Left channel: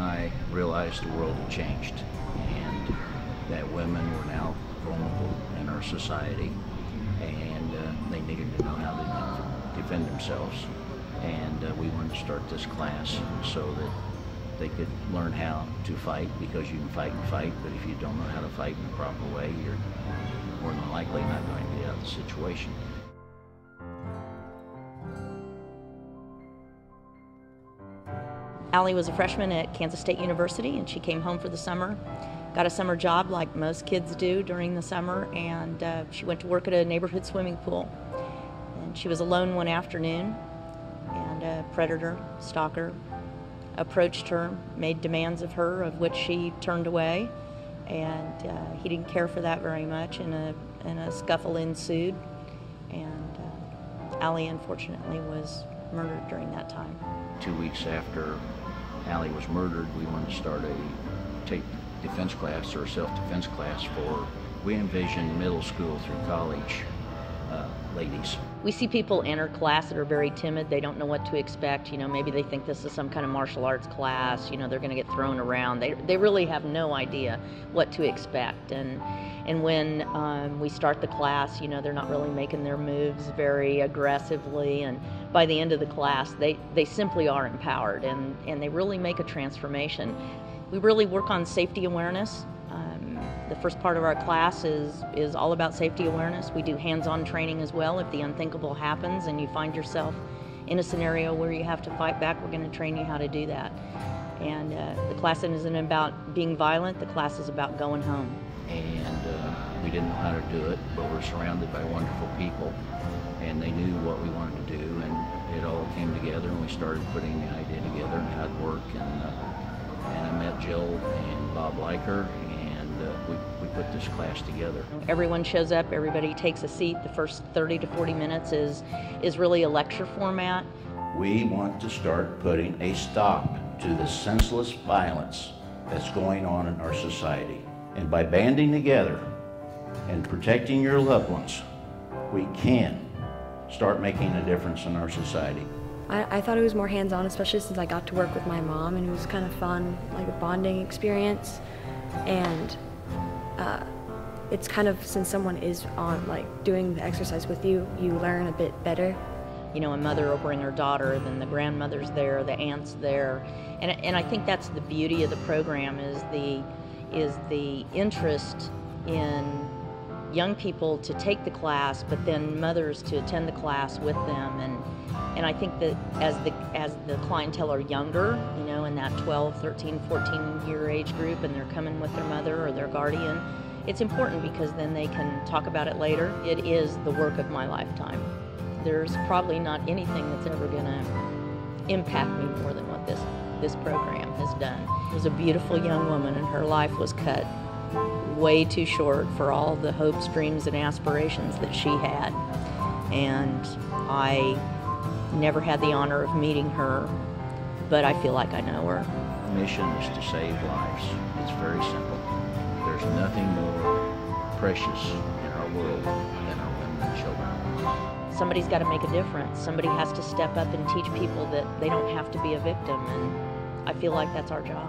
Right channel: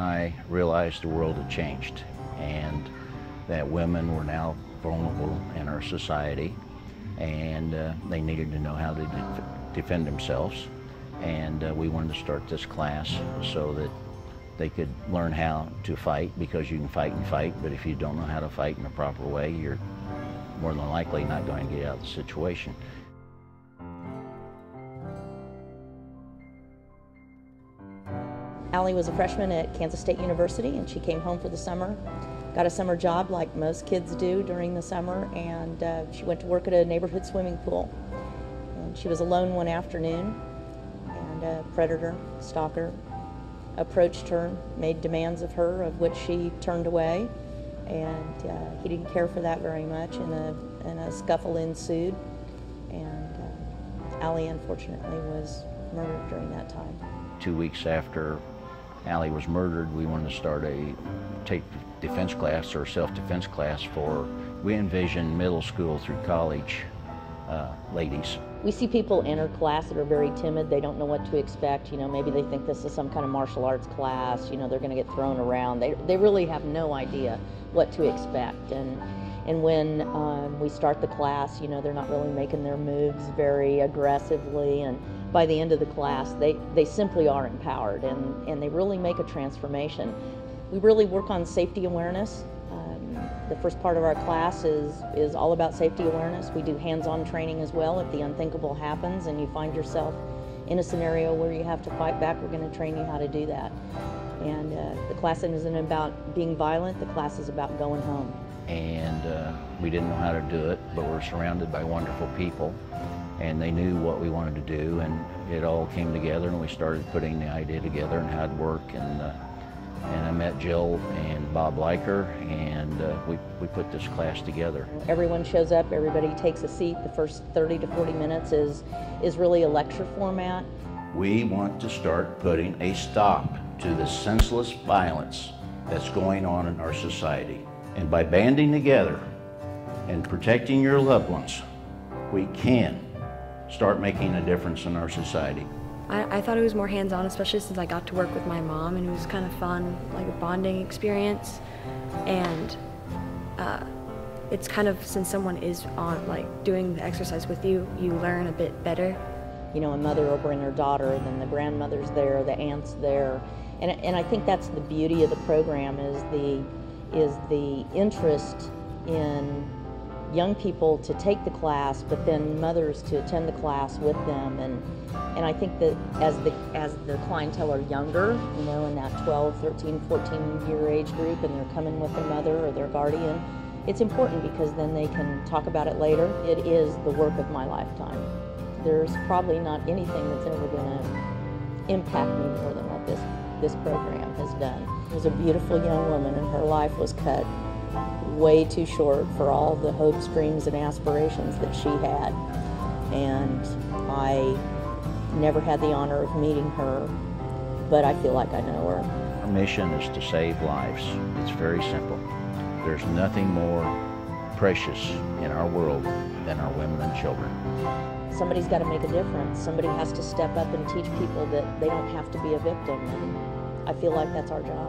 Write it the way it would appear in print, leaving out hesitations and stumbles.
and I realized the world had changed and that women were now vulnerable in our society, and they needed to know how to defend themselves. And we wanted to start this class so that they could learn how to fight, because you can fight and fight, but if you don't know how to fight in a proper way, you're more than likely not going to get out of the situation. Ali was a freshman at Kansas State University, and she came home for the summer, got a summer job like most kids do during the summer, and she went to work at a neighborhood swimming pool. And she was alone one afternoon, and a predator, stalker, approached her, made demands of her, of which she turned away, and he didn't care for that very much, and a scuffle ensued, and Ali unfortunately was murdered during that time. 2 weeks after Ali was murdered, we wanted to start a defense class or self-defense class for, we envisioned middle school through college ladies. We see people enter class that are very timid. They don't know what to expect. You know, maybe they think this is some kind of martial arts class. You know, they're going to get thrown around. They really have no idea what to expect. And when we start the class, you know, they're not really making their moves very aggressively. And by the end of the class, they simply are empowered, and they really make a transformation. We really work on safety awareness. The first part of our class is all about safety awareness. We do hands-on training as well. If the unthinkable happens and you find yourself in a scenario where you have to fight back, we're going to train you how to do that. And the class isn't about being violent. The class is about going home. And we didn't know how to do it, but we're surrounded by wonderful people, and they knew what we wanted to do, and it all came together, and we started putting the idea together and how it worked. And I met Jill and Bob Leiker, and we put this class together. Everyone shows up, everybody takes a seat. The first 30 to 40 minutes is really a lecture format. We want to start putting a stop to the senseless violence that's going on in our society. And by banding together and protecting your loved ones, we can start making a difference in our society. I thought it was more hands-on, especially since I got to work with my mom, and it was kind of fun, like a bonding experience. And it's kind of, since someone is on, like, doing the exercise with you, you learn a bit better. You know, a mother will bring her daughter, and then the grandmother's there, the aunt's there. And I think that's the beauty of the program, is the interest in young people to take the class, but then mothers to attend the class with them. And I think that as the clientele are younger, you know, in that 12, 13, 14-year age group, and they're coming with their mother or their guardian, it's important because then they can talk about it later. It is the work of my lifetime. There's probably not anything that's ever going to impact me more than what this program has done. It was a beautiful young woman, and her life was cut way too short for all the hopes, dreams, and aspirations that she had. And I never had the honor of meeting her, but I feel like I know her. Our mission is to save lives. It's very simple. There's nothing more precious in our world than our women and children. Somebody's got to make a difference. Somebody has to step up and teach people that they don't have to be a victim. And I feel like that's our job.